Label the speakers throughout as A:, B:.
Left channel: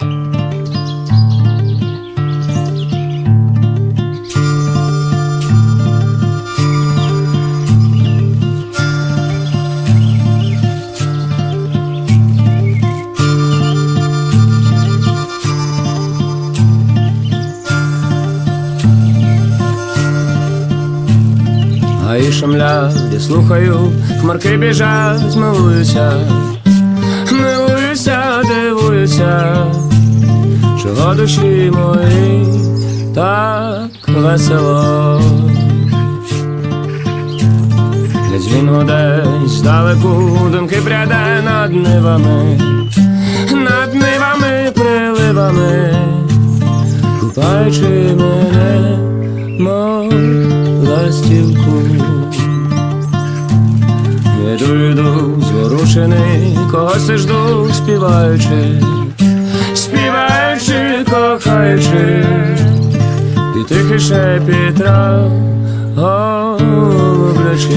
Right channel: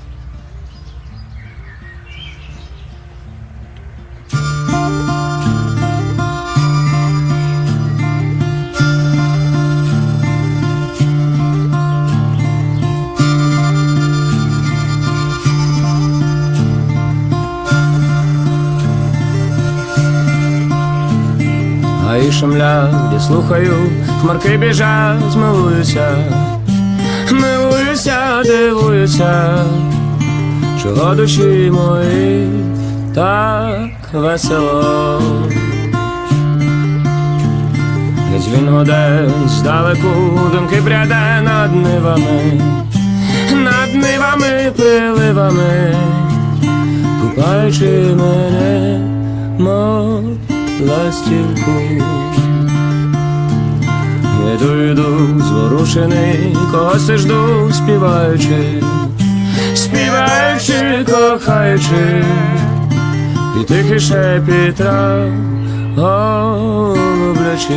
A: Гаї шумлять, я слухаю, хмарки біжать, милуюся, милуюся, дивуюся, чого душі мої так весело. Десь він гуде здалеку, думки пряде над нивами, над нивами, приливами, купаючи мене, мов ластівку. Іду, дух зворушений, когось я жду, співаючи, співаючи, кохаючи, і тихий шепіт трав, голублячи.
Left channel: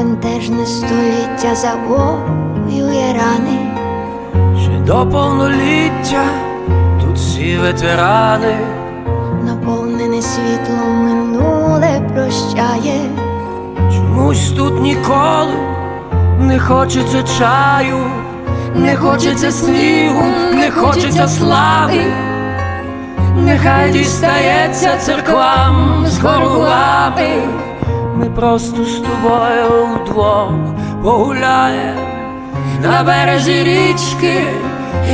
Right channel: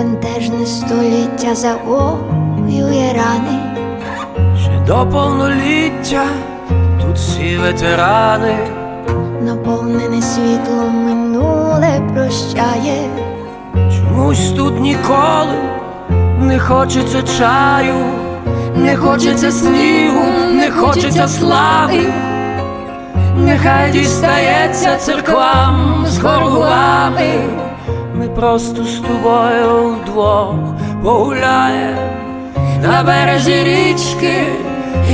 B: бентежне століття завоює рани,
C: Ще до повноліття тут всі ветерани.
B: наповнене світлом минуле прощає,
C: Чомусь тут ніколи не хочеться чаю, не хочеться снігу, не хочеться слави. Нехай дістається церквам з горгулами. Ми просто з тобою вдвох погуляєм на березі річки,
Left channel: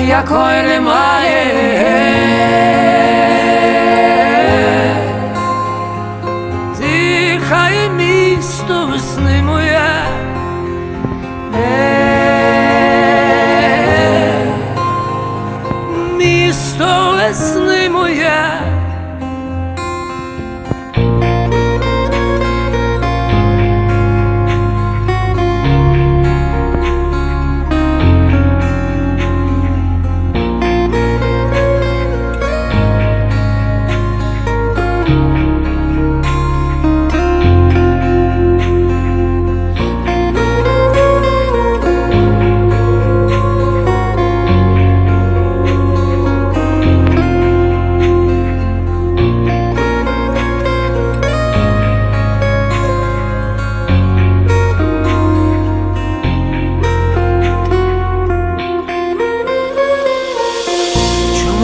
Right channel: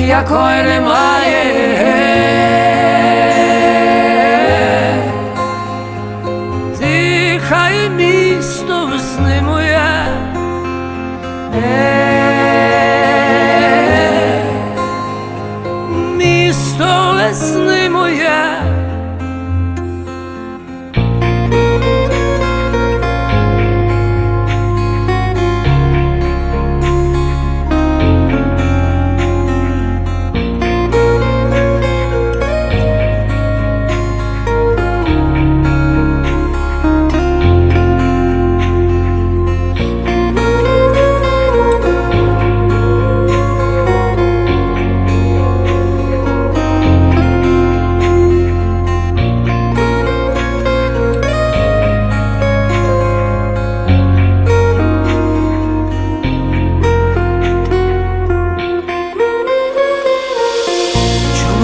C: якої немає. Дихає місто весни моє.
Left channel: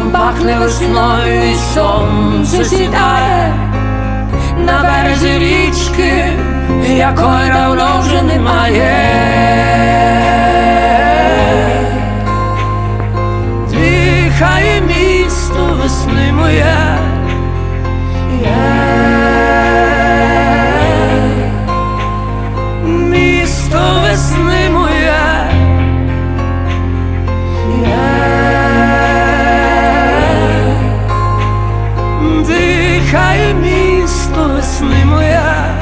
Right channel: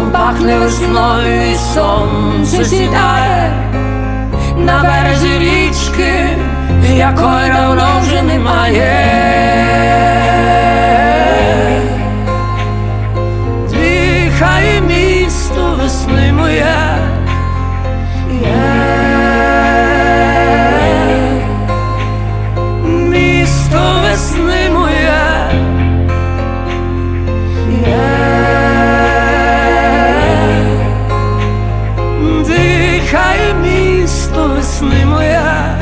C: там пахне весною і сонце сідає на березі річки, якої давно вже немає. Дихає місто весни моя.